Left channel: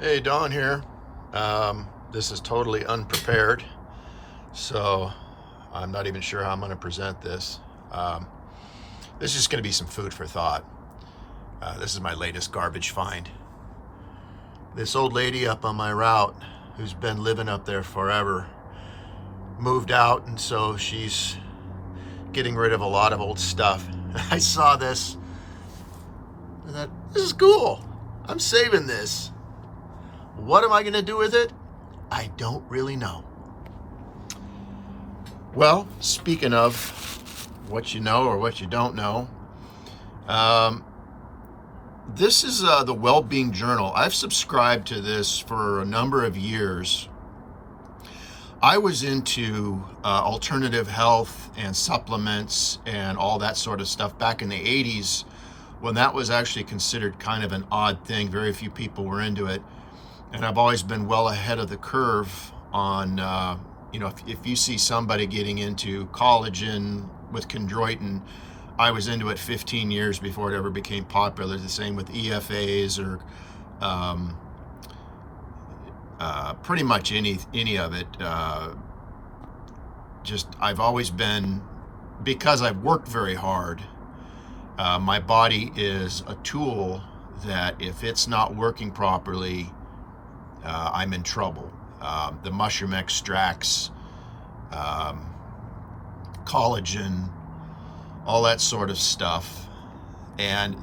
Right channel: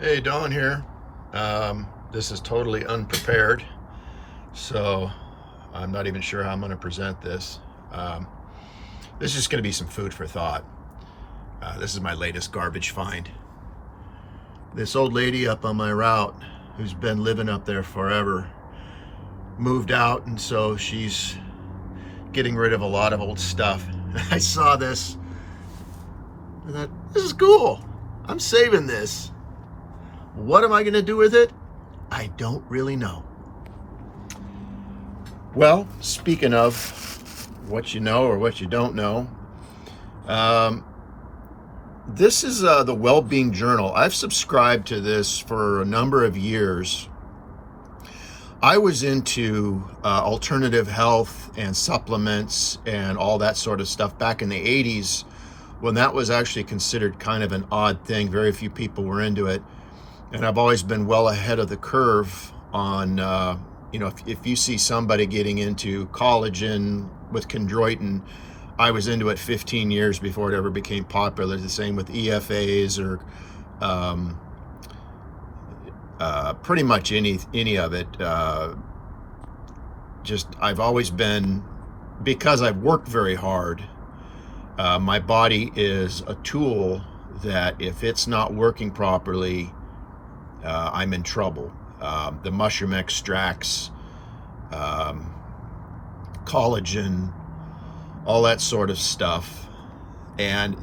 Hey, Don here. This is totally unprepared, so I'm not even sure how I'm going to present this. This is just going to be some food for thought. This is my latest garbage find. This old lady up on my route who's been living up there forever moved out, and so she's getting rid of a lot of old stuff. I saw this. I thought, this is cool. I'm saving this. What am I going to do with it? I don't really know. Well, speaking of what you know or what you don't know, this is the Well-Being Journal. I've subscribed to this for a number of years. I was into alternative health and supplements and all that sort of stuff back in the 80s when that was actually considered kind of an odd thing. Very few people were into it. And I've always been well ahead of the curve on, if you see somebody getting into collagen with chondroitin, I was into it 15 years before it ever became popular. The same with EFAs or pretty much any of it. I've always been, because I've worked very hard, my body is a tool that if it's not working properly, I'm in trouble. The mushroom extracts, collagen, all that sort of stuff. And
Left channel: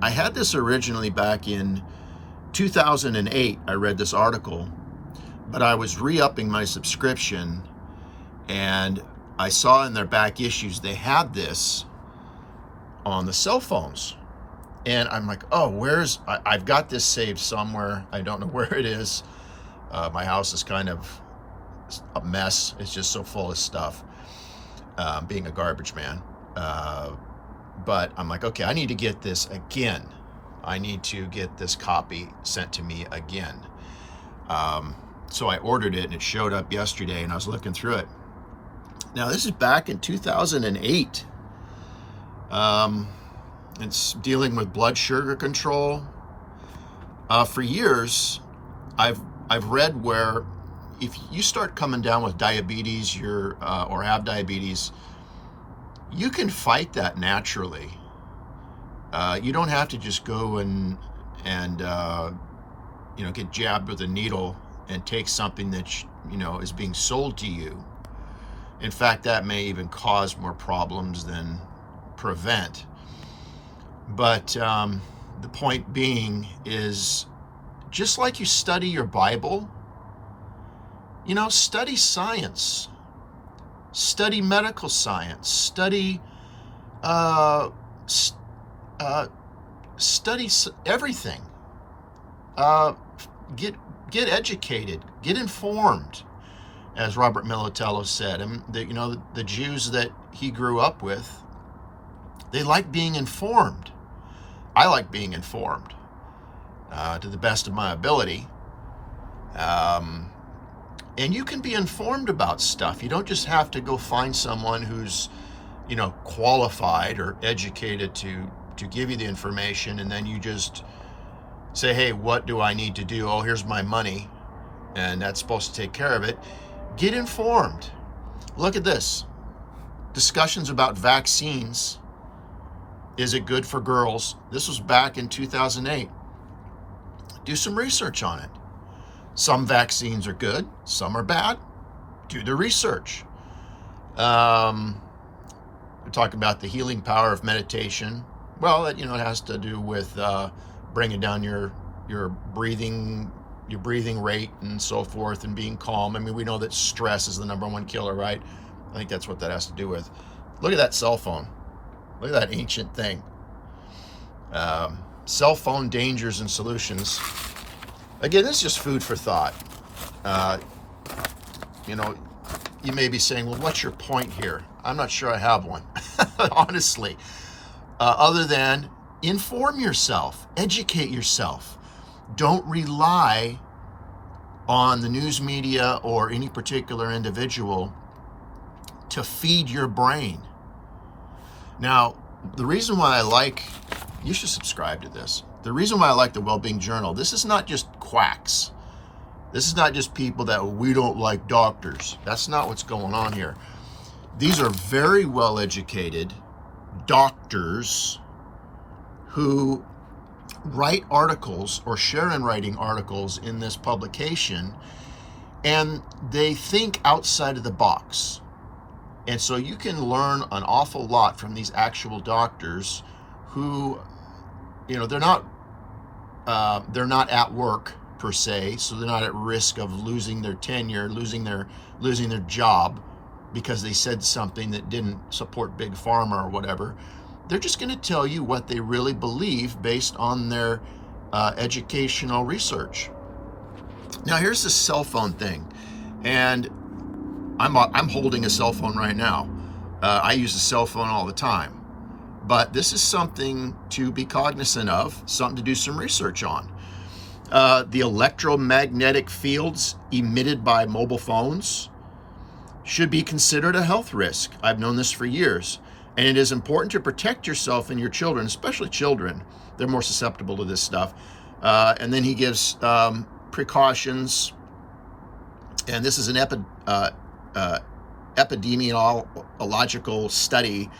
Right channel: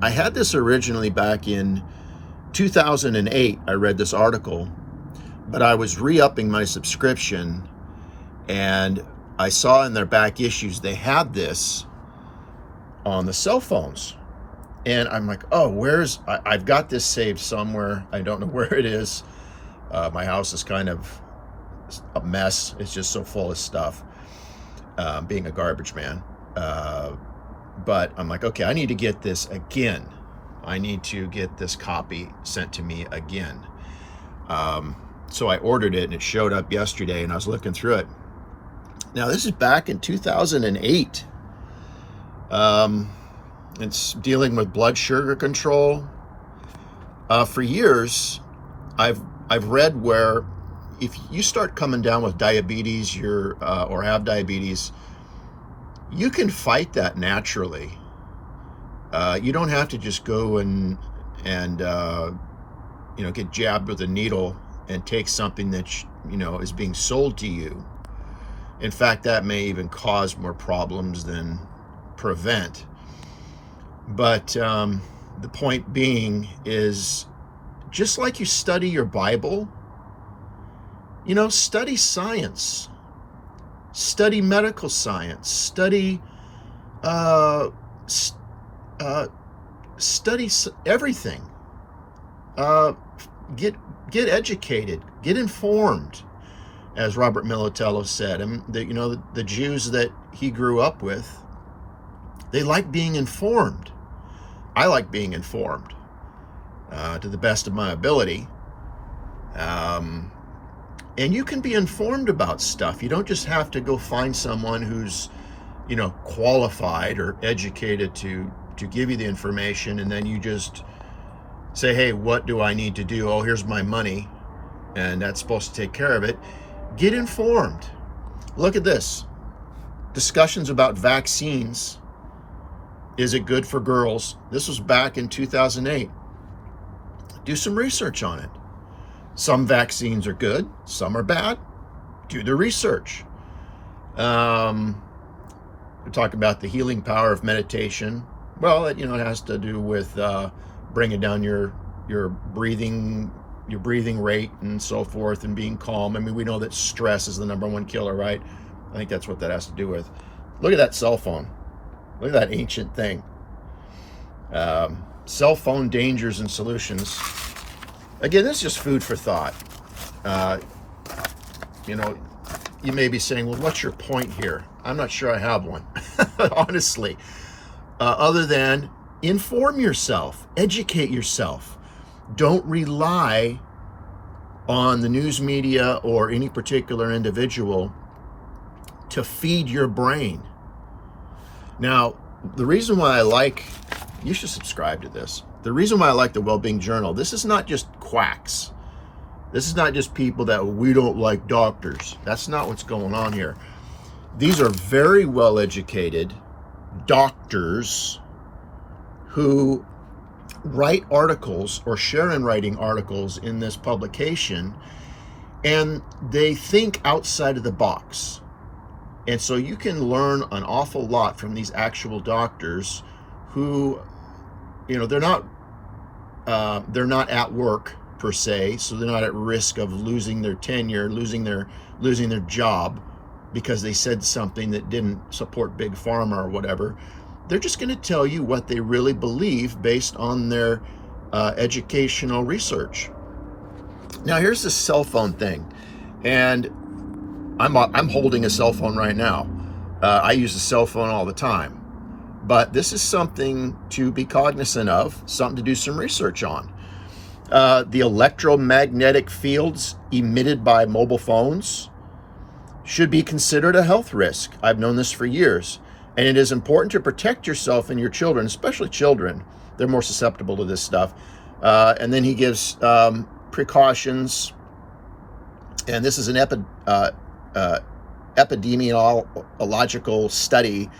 I had this originally back in 2008. I read this article, but I was re-upping my subscription, and I saw in their back issues they had this on the cell phones. And I'm like, oh, I've got this saved somewhere. I don't know where it is. My house is kind of a mess. It's just so full of stuff, being a garbage man. But I'm like, okay, I need to get this again. I need to get this copy sent to me again. So I ordered it, and it showed up yesterday, and I was looking through it. Now, this is back in 2008. It's dealing with blood sugar control. For years, I've read where if you start coming down with diabetes, or have diabetes, you can fight that naturally. You don't have to just go and get jabbed with a needle and take something that is being sold to you. In fact, that may even cause more problems than prevent. But the point being is, just like you study your Bible, study science, study medical science, study everything. Get educated, get informed, as Robert Militello said. And the Jews that he grew up with, they like being informed. I like being informed to the best of my ability. And you can be informed about stuff. You don't just have to go find someone who's, qualified or educated to give you the information, and then you just say, hey, what do I need to do? Oh, here's my money, and that's supposed to take care of it. Get informed. Look at this. Discussions about vaccines. Is it good for girls? This was back in 2008. Do some research on it. Some vaccines are good, some are bad. Do the research. We talk about the healing power of meditation. Well, it has to do with bringing down your breathing rate and so forth, and being calm. I mean, we know that stress is the #1 killer, right? I think that's what that has to do with. Look at that cell phone. Look at that ancient thing. Cell phone dangers and solutions. Again, this is just food for thought. You may be saying, well, what's your point here? I'm not sure I have one, honestly. Other than inform yourself, educate yourself. Don't rely on the news media or any particular individual to feed your brain. Now, the reason why you should subscribe to this. The reason why I like the Wellbeing Journal, this is not just quacks. This is not just people that we don't like doctors. That's not what's going on here. These are very well-educated doctors who write articles or share in writing articles in this publication, and they think outside of the box. And so you can learn an awful lot from these actual doctors who, you know, they're not at work per se, so they're not at risk of losing their tenure, losing their job because they said something that didn't support Big Pharma or whatever. They're just going to tell you what they really believe based on their educational research. Now, here's the cell phone thing, and I'm holding a cell phone right now. I use a cell phone all the time, but this is something to be cognizant of, something to do some research on. The electromagnetic fields emitted by mobile phones should be considered a health risk. I've known this for years, and it is important to protect yourself and your children, especially children. They're more susceptible to this stuff. And then he gives precautions, and this is an epidemiological study.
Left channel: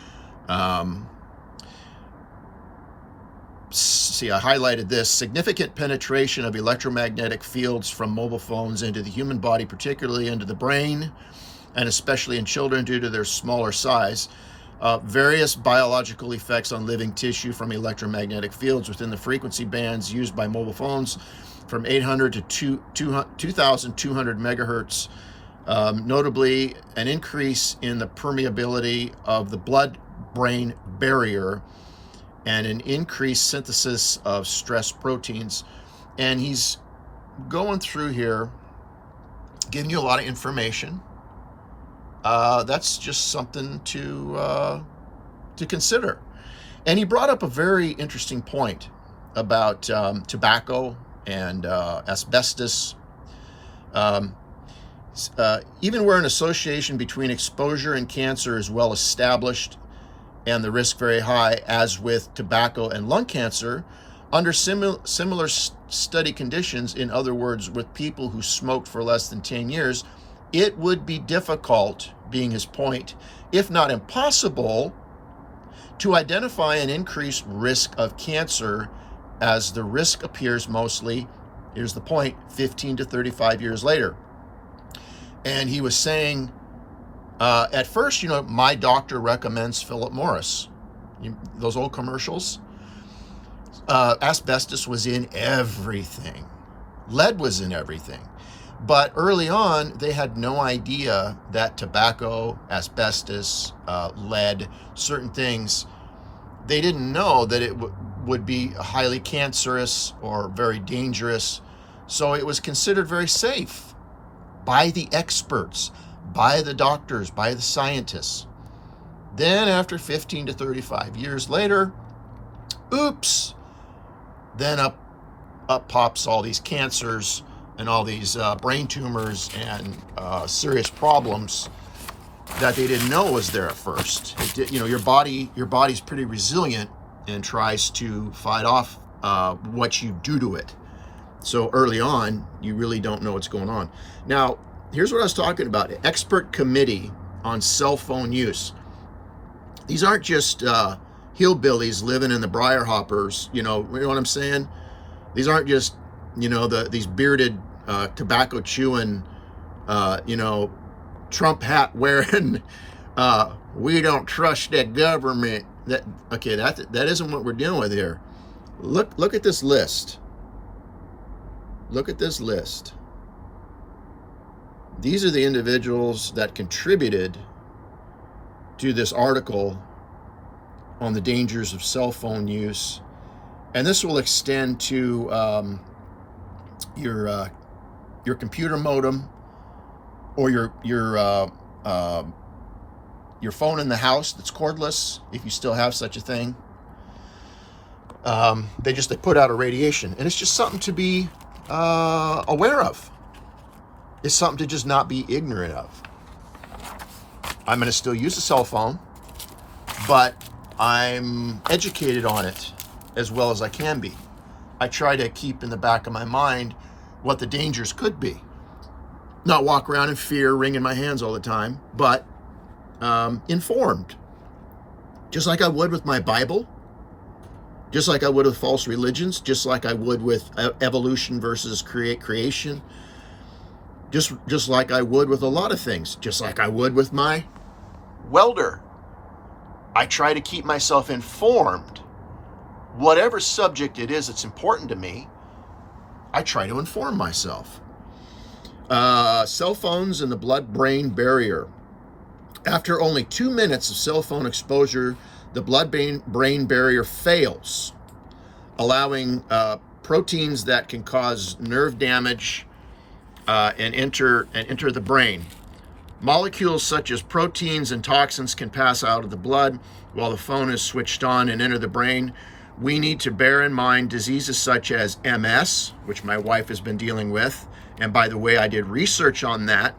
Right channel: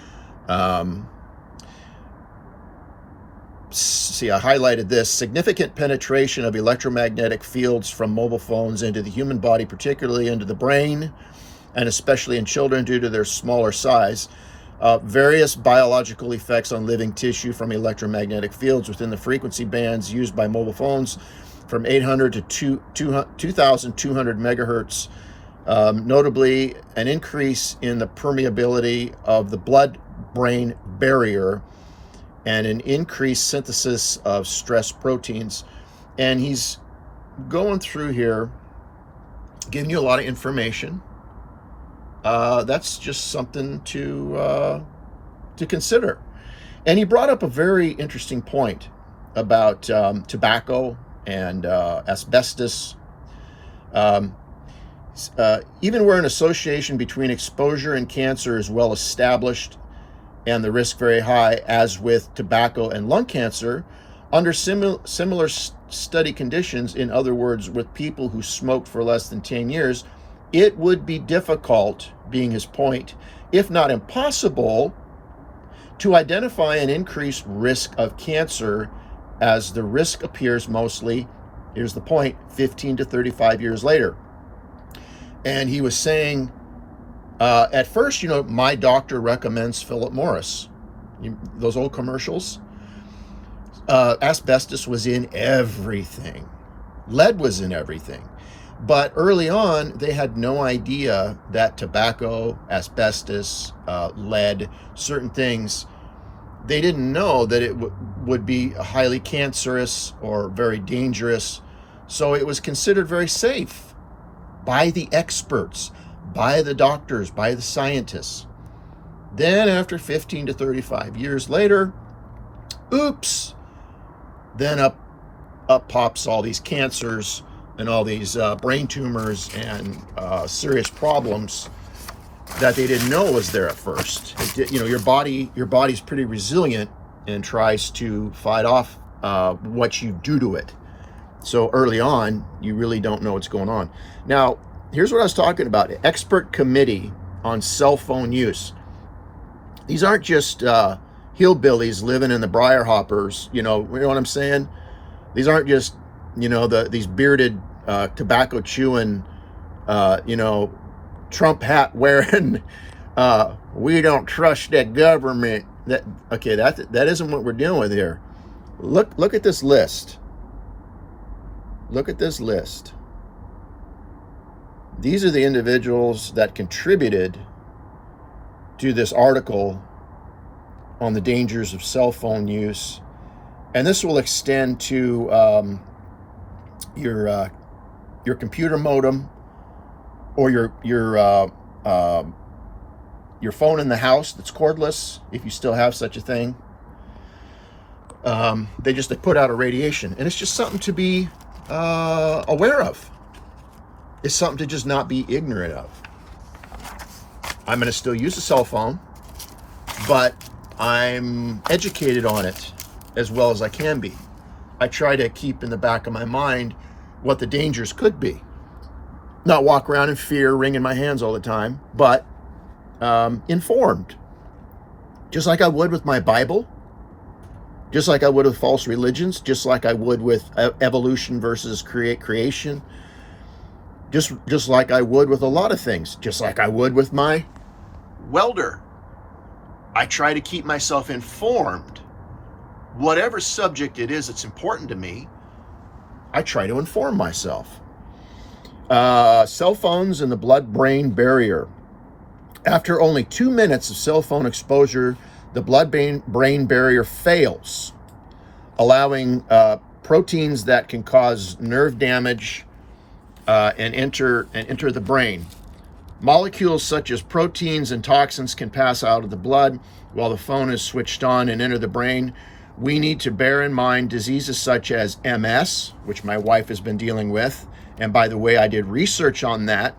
See, I highlighted this. Significant penetration of electromagnetic fields from mobile phones into the human body, particularly into the brain, and especially in children due to their smaller size. Various biological effects on living tissue from electromagnetic fields within the frequency bands used by mobile phones from 800 to 2,200 megahertz. Notably, an increase in the permeability of the blood-brain barrier and an increased synthesis of stress proteins. And he's going through here, giving you a lot of information. That's just something to consider. And he brought up a very interesting point about tobacco and asbestos. Even where an association between exposure and cancer is well established and the risk very high, as with tobacco and lung cancer, under similar study conditions, in other words, with people who smoked for less than 10 years, it would be difficult, being his point, if not impossible, to identify an increased risk of cancer, as the risk appears mostly, here's the point, 15 to 35 years later. And he was saying, at first, you know, my doctor recommends Philip Morris. Those old commercials. Asbestos was in everything. Lead was in everything. But early on, they had no idea that tobacco, asbestos, lead, certain things, they didn't know that it would be highly cancerous or very dangerous. So it was considered very safe by the experts, by the doctors, by the scientists. Then after 15 to 35 years later, oops, then up pops all these cancers and all these brain tumors and serious problems that they didn't know was there at first. You know, your body's pretty resilient and tries to fight off what you do to it. So early on, you really don't know what's going on. Now, here's what I was talking about. Expert committee on cell phone use. These aren't just hillbillies living in the briar hoppers. You know what I'm saying? These aren't just, you know, these bearded, tobacco chewing, you know, Trump hat wearing, we don't trust the government. That isn't what we're dealing with here. Look at this list. Look at this list. These are the individuals that contributed to this article on the dangers of cell phone use. And this will extend to your computer modem or your phone in the house that's cordless, if you still have such a thing. They put out a radiation, and it's just something to be aware of. It's something to just not be ignorant of. I'm going to still use a cell phone, but I'm educated on it as well as I can be. I try to keep in the back of my mind what the dangers could be. Not walk around in fear, wringing my hands all the time, but informed. Just like I would with my Bible, just like I would with false religions, just like I would with evolution versus creation, just like I would with a lot of things, just like I would with my welder. I try to keep myself informed. Whatever subject it is that's important to me, I try to inform myself. Cell phones and the blood-brain barrier. After only 2 minutes of cell phone exposure, the blood-brain barrier fails, allowing proteins that can cause nerve damage and enter the brain. Molecules such as proteins and toxins can pass out of the blood while the phone is switched on and enter the brain. We need to bear in mind diseases such as MS, which my wife has been dealing with. And by the way, I did research on that,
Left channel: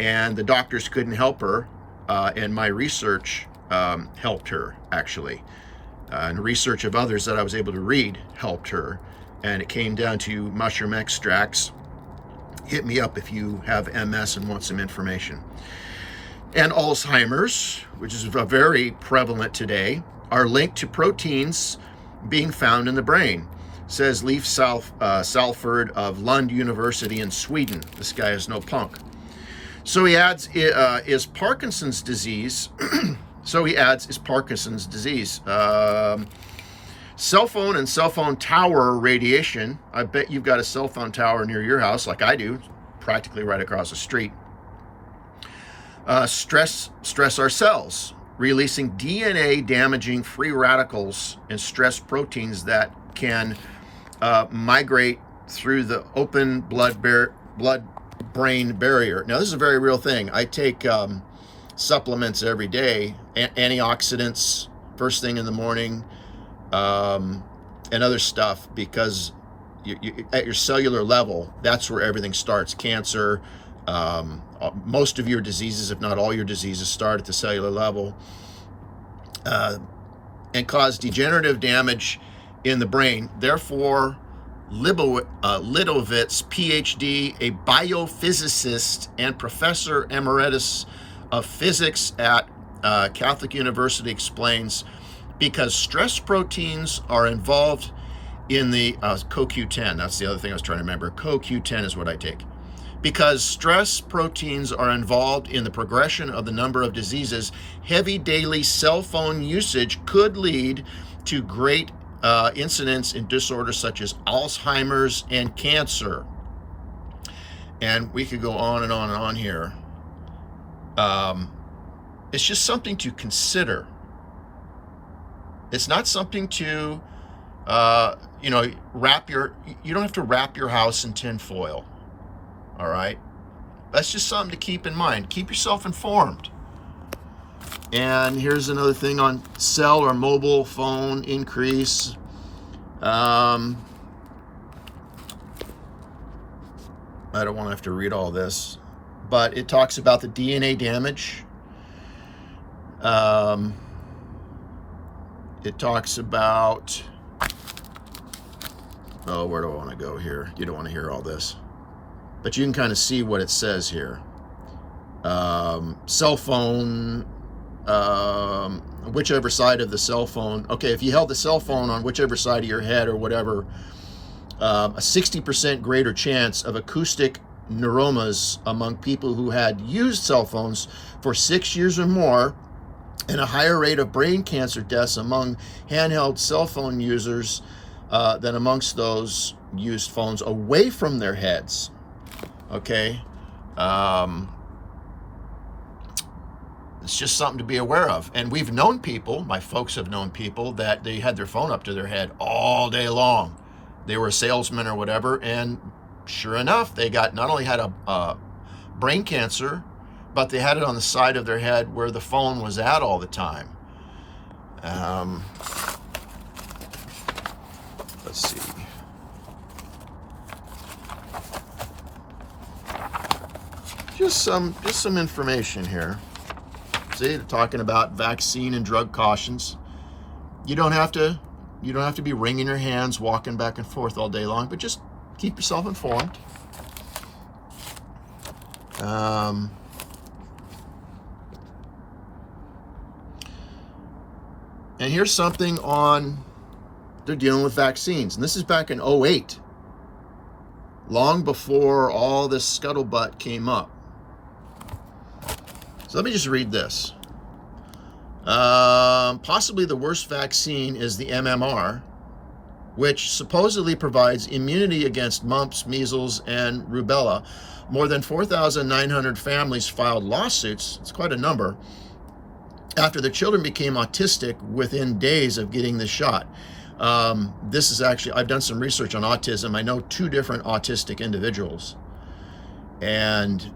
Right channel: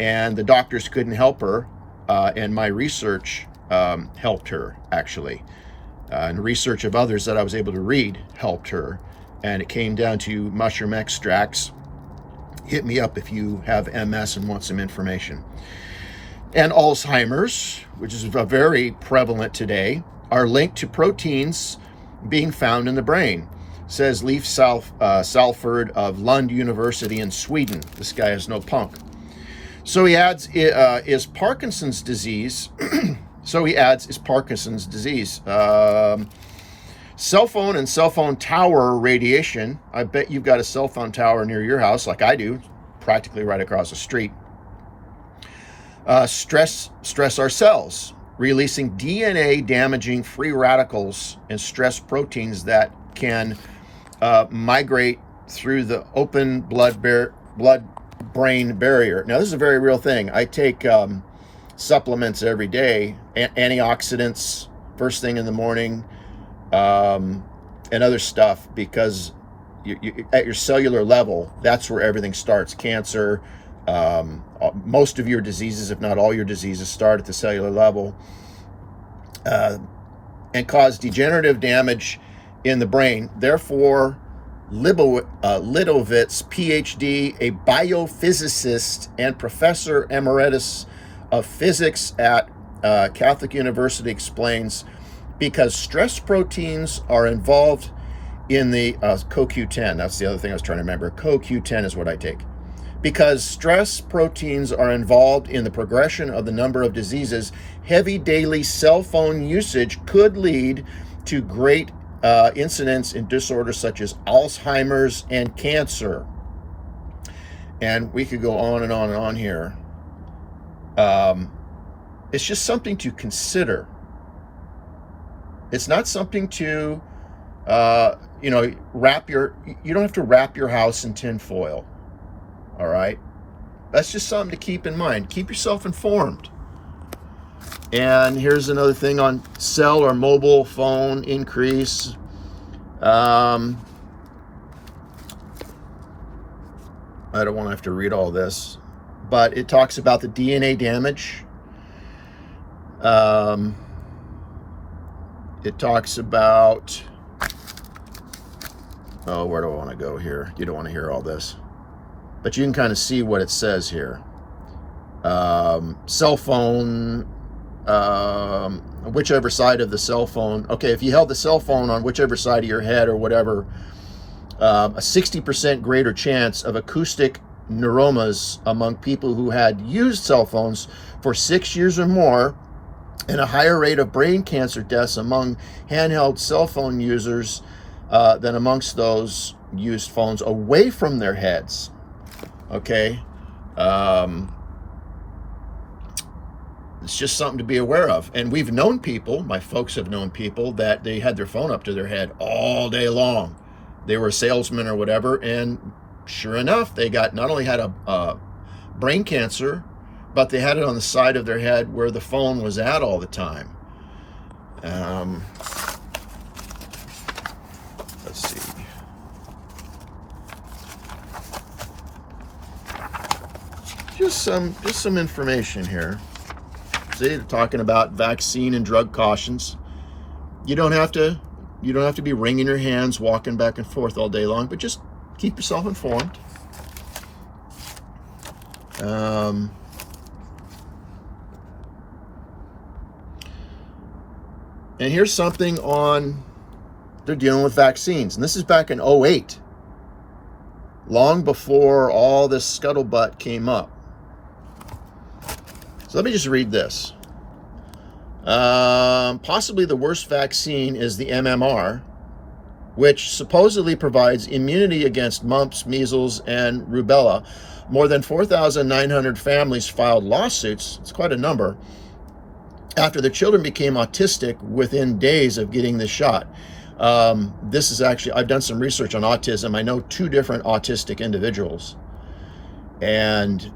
and the doctors couldn't help her. And my research helped her, actually. And research of others that I was able to read helped her. And it came down to mushroom extracts. Hit me up if you have MS and want some information. And Alzheimer's, which is very prevalent today, are linked to proteins being found in the brain, says Leif Salford of Lund University in Sweden. This guy is no punk. So he adds, is Parkinson's disease, is Parkinson's disease. Cell phone and cell phone tower radiation. I bet you've got a cell phone tower near your house, like I do, practically right across the street. Stress our cells, releasing DNA-damaging free radicals and stress proteins that can migrate through the open blood-brain barrier. Now, this is a very real thing. I take supplements every day, antioxidants first thing in the morning, and other stuff, because you, at your cellular level, that's where everything starts. Cancer, most of your diseases, if not all your diseases, start at the cellular level, and cause degenerative damage in the brain. Therefore, Lidovitz, PhD, a biophysicist and professor emeritus of physics at Catholic University, explains, because stress proteins are involved in the CoQ10. That's the other thing I was trying to remember. CoQ10 is what I take. Because stress proteins are involved in the progression of the number of diseases, heavy daily cell phone usage could lead to great incidence in disorders such as Alzheimer's and cancer. And we could go on and on and on here. It's just something to consider. It's not something to, you don't have to wrap your house in tin foil. All right. That's just something to keep in mind. Keep yourself informed. And here's another thing on cell or mobile phone increase. I don't want to have to read all this, but it talks about the DNA damage. It talks about, where do I want to go here? You don't want to hear all this, but you can kind of see what it says here. Cell phone, whichever side of the cell phone. Okay, if you held the cell phone on whichever side of your head or whatever, a 60% greater chance of acoustic neuromas among people who had used cell phones for 6 years or more, and a higher rate of brain cancer deaths among handheld cell phone users than amongst those used phones away from their heads. Okay. It's just something to be aware of. And we've known people, my folks have known people, that they had their phone up to their head all day long. They were a salesman or whatever, and sure enough, they not only had a brain cancer, but they had it on the side of their head where the phone was at all the time. Let's see. Just some information here. See, they're talking about vaccine and drug cautions. You don't have to You don't have to be wringing your hands, walking back and forth all day long, but just keep yourself informed. And here's something on, they're dealing with vaccines. And this is back in 2008, long before all this scuttlebutt came up. So let me just read this. Possibly the worst vaccine is the MMR, which supposedly provides immunity against mumps, measles, and rubella. More than 4,900 families filed lawsuits, it's quite a number, after the children became autistic within days of getting the shot. This is actually, I've done some research on autism. I know 2 different autistic individuals. And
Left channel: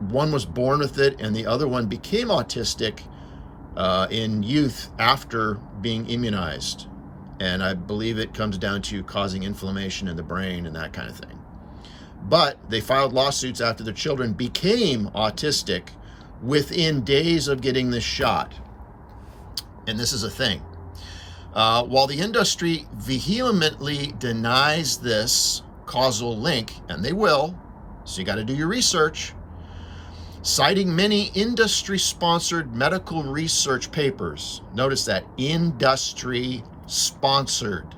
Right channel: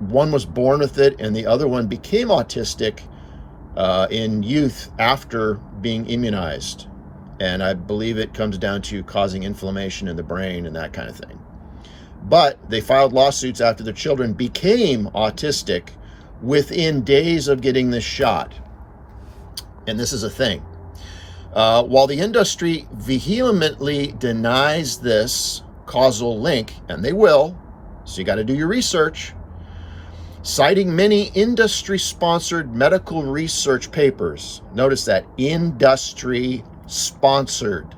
one was born with it and the other one became autistic in youth after being immunized. And I believe it comes down to causing inflammation in the brain and that kind of thing. But they filed lawsuits after the children became autistic within days of getting this shot. And this is a thing. While the industry vehemently denies this causal link, and they will, so you got to do your research, citing many industry-sponsored medical research papers. Notice that, industry-sponsored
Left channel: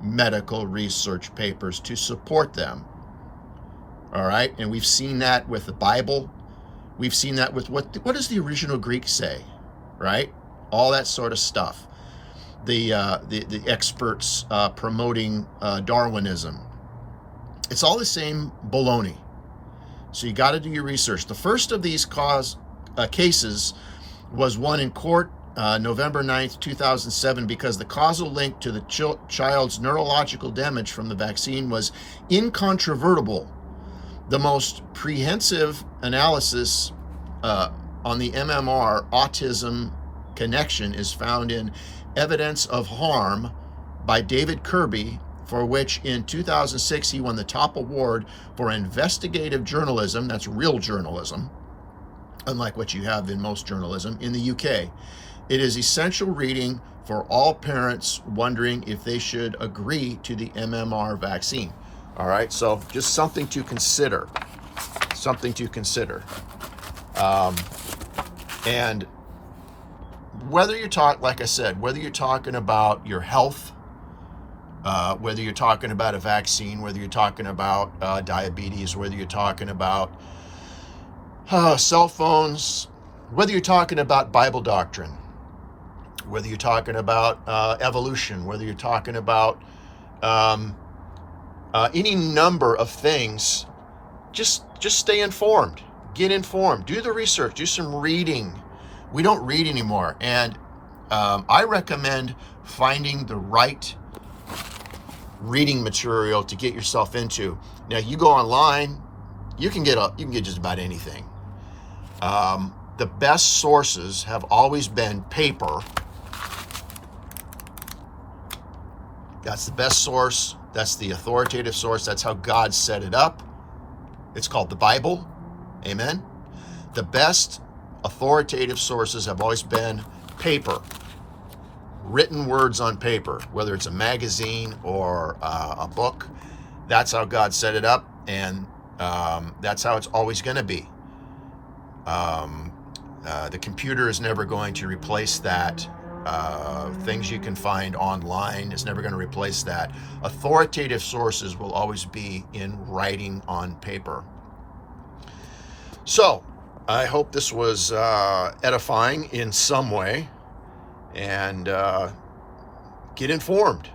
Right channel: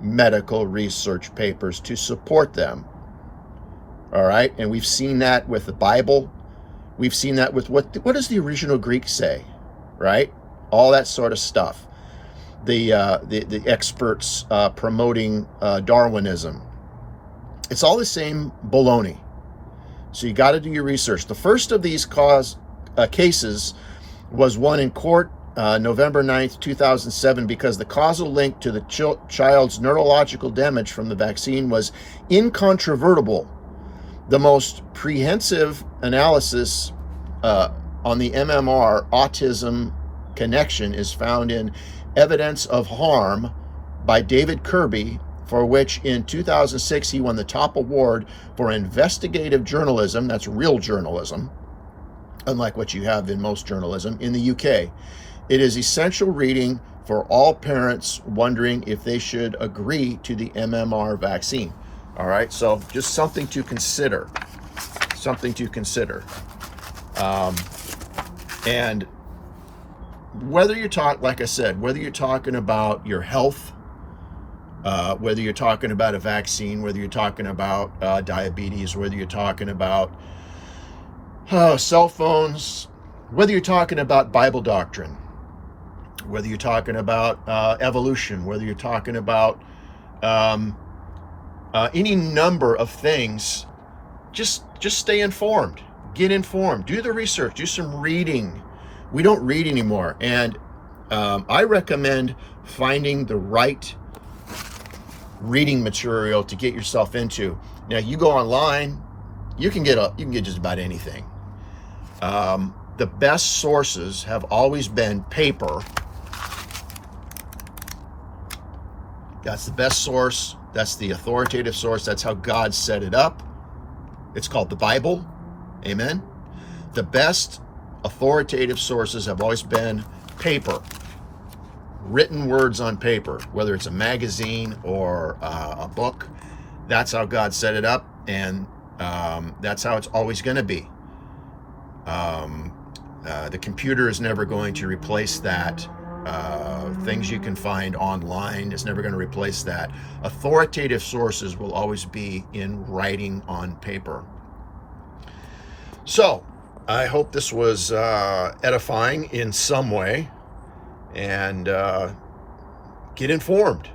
medical research papers to support them. All right, and we've seen that with the Bible. We've seen that with what does the original Greek say, right? All that sort of stuff. The experts promoting Darwinism. It's all the same baloney. So you got to do your research. The first of these cases was one in court November 9th, 2007, because the causal link to the child's neurological damage from the vaccine was incontrovertible. The most comprehensive analysis on the MMR autism connection is found in Evidence of Harm by David Kirby, for which in 2006 he won the top award for investigative journalism. That's real journalism, unlike what you have in most journalism in the UK. It is essential reading for all parents wondering if they should agree to the MMR vaccine. All right, so just something to consider. Something to consider. And whether you're like I said, whether you're talking about your health, whether you're talking about a vaccine, whether you're talking about diabetes, whether you're talking about cell phones, whether you're talking about Bible doctrine, whether you're talking about evolution, whether you're talking about any number of things, just stay informed. Get informed. Do the research. Do some reading. We don't read anymore. And I recommend finding the right reading material to get yourself into. Now, you go online, you can get just about anything. The best sources have always been paper. That's the best source. That's the authoritative source. That's how God set it up. It's called the Bible. Amen. The best authoritative sources have always been paper. Written words on paper, whether it's a magazine or a book. That's how God set it up, and that's how it's always going to be. The computer is never going to replace that. Things you can find online is never going to replace that. Authoritative sources will always be in writing on paper. So, I hope this was edifying in some way, and get informed.